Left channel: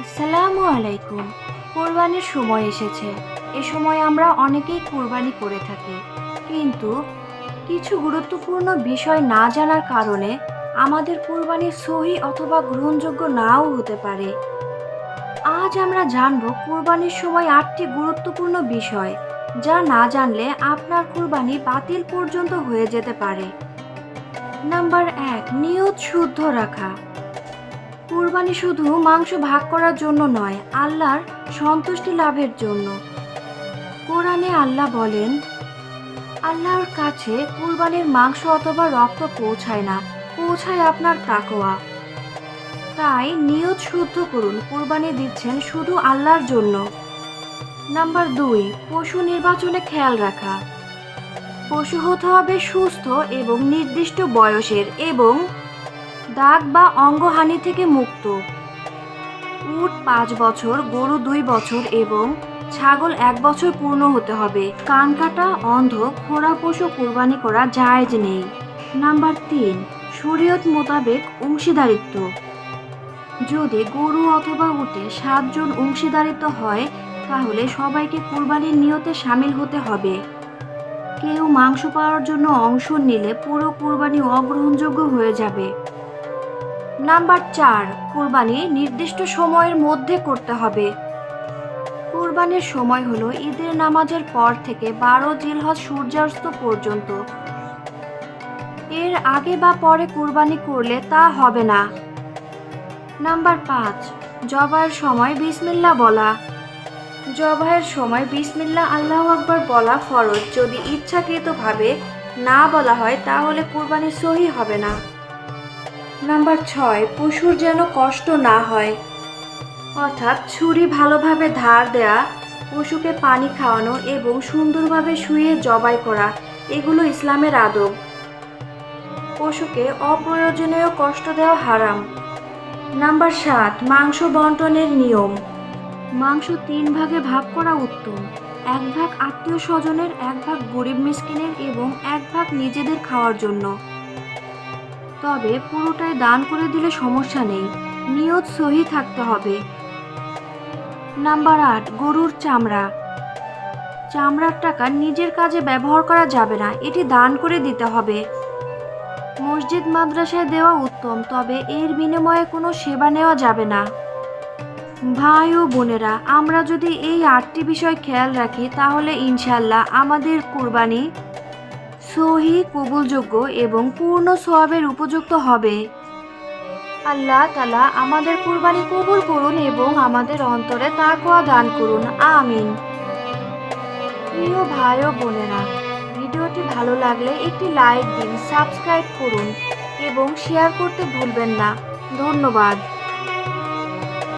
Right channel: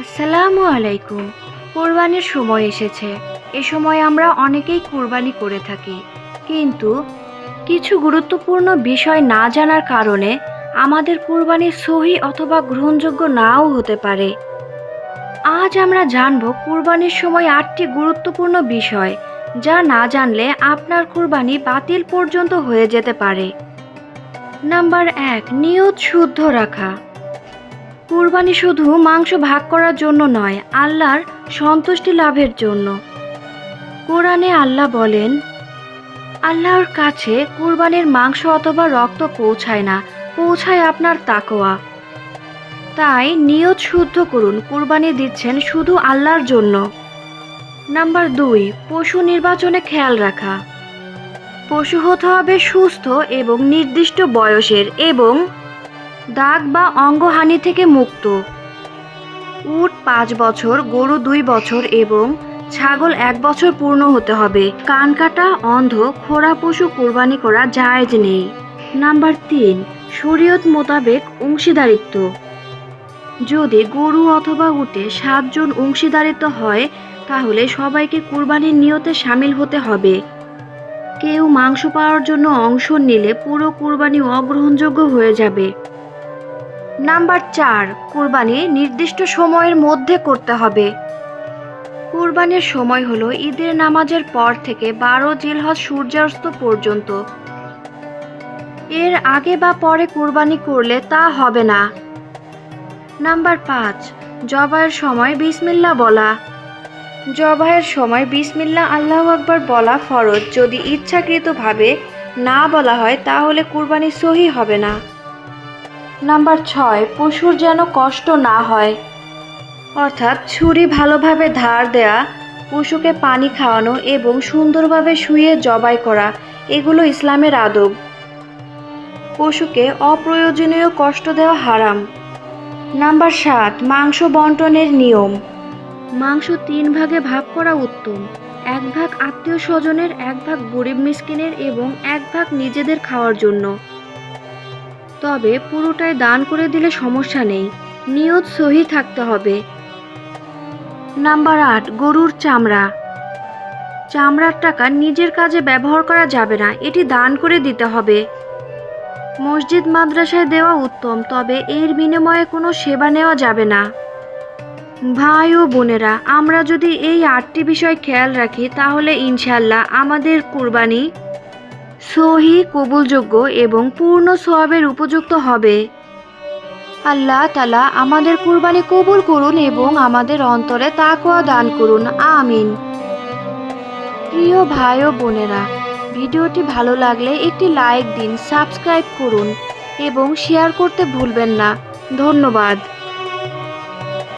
আসসালামু আলাইকুম। কোরবানির সময় এসেছে। এ সময় আমরা অনেকেই কোরবানি করে থাকি। কিন্তু কিছু গুরুত্বপূর্ণ বিষয় না জানার কারণে আমাদের কোরবানি সহি অথবা গ্রহণযোগ্য নাও হতে পারে। আজ আমরা জানব কোরবানির সময় আটটি গুরুত্বপূর্ণ বিষয়, যা না জানলে আপনার কোরবানি বাতিল পর্যন্ত হয়ে যেতে পারে। নাম্বার এক, নিয়ত শুদ্ধ রাখা। কুরবানি শুধু মাংস ভাগ করার জন্য নয়, আল্লাহর সন্তুষ্টি লাভের জন্য। কোরআনে আল্লাহ বলেন, আল্লাহর কাছে কুরবানির মাংস অথবা রক্ত পৌঁছায় না, পৌঁছায় আপনার তাকোয়া তাই নিয়ত শুদ্ধ করুন, কুরবানি দিচ্ছেন শুধু আল্লাহর জন্য। নাম্বার দুই, পশু নির্বাচনে খেয়াল রাখা। পশু হতে হবে সুস্থ এবং নির্দিষ্ট বয়সের এবং দাগ বা অঙ্গহানি থেকে মুক্ত। উট পাঁচ বছর, গরু দুই বছর এবং ছাগল এক বছর পূর্ণ হতে হবে। কান কাটা, অন্ধ, খোড়া পশু কোরবানি করা জায়েজ নেই। নাম্বার তিন, শরীয়ত মোতাবেক অংশীদারিত্ব। যদি গরু অথবা উটে সাতজন অংশীদারিত্ব হয়, তাহলে সবাইকে কুরবানির নিয়তে সামিল হতে হবে। কেউ মাংস পাওয়ার জন্য অংশ নিলে পুরো কুরবানি অগ্রহণযোগ্য হয়ে যাবে। নাম্বার চার কোরবানি নির্দিষ্ট সময়ের মধ্যে করতে হবে। কোরবানির সময় হলো ঈদের নামাজের পর থেকে বারো জিলহজ সূর্যাস্ত পর্যন্ত। এর আগে বা পরে কোরবানি করলে তা হবে না। নাম্বার পাঁচ, জবাইয়ের সময় বিসমিল্লা বলা। জবাইয়ের সময় বিসমিল্লা আল্লাহ আকবার বলা ফরজ। যদি ইচ্ছাকৃতভাবে না বলা হয়, তাহলে কুরবানি সহি হবে না। নাম্বার ছয়, পশুর যেন কষ্ট না হয়। অর্থাৎ ছুরি ভালোভাবে ধার দেয়া, পশুকে পানি খাওয়ানো এবং সুন্দরভাবে শুয়ে জবাই করা, এগুলো ইসলামের আদব। পশুকে অপ্রয়োজনীয় কষ্ট দেওয়া হারাম। নাম্বার সাত, মাংস বন্টনের নিয়ম। মাংস তিন ভাগে ভাগ করা উত্তম। এক ভাগ আত্মীয় স্বজনের, এক ভাগ গরিব মিসকিনের এবং এক ভাগ নিজেদের খাওয়ার জন্য। তবে পুরোটাই দান করে দিলে সমস্যা নেই। নিয়ত সহি থাকতে হবে। নাম্বার আট, গরুর চামড়া। চামড়ার টাকা নিজের কাজে ব্যবহার করা যাবে না, এটি দান করে দিতে হবে। মসজিদ মাদ্রাসায় দেওয়া উত্তম, তবে এর বিনিময়ে কোনো সেবা নেওয়া যাবে না। ভাই ও বোনেরা, আমরা যদি এই আটটি বিষয় খেয়াল রাখি, তাহলে ইনশাল্লাহ আমাদের কুরবানি সহি কবুলযোগ্য এবং পূর্ণ সোয়াবের উপযুক্ত হবে। আল্লাহ তালা আমাদের কুরবানি কবুল করুন এবং আমাদের অন্তরে তাকোয়া দান করুন। আমিন। প্রিয় ভাই ও বোনেরা, ভিডিওটি ভালো লাগলে একটি লাইক দিন, সাবস্ক্রাইব করুন এবং শেয়ার করতে ভুলবেন না। ধন্যবাদ।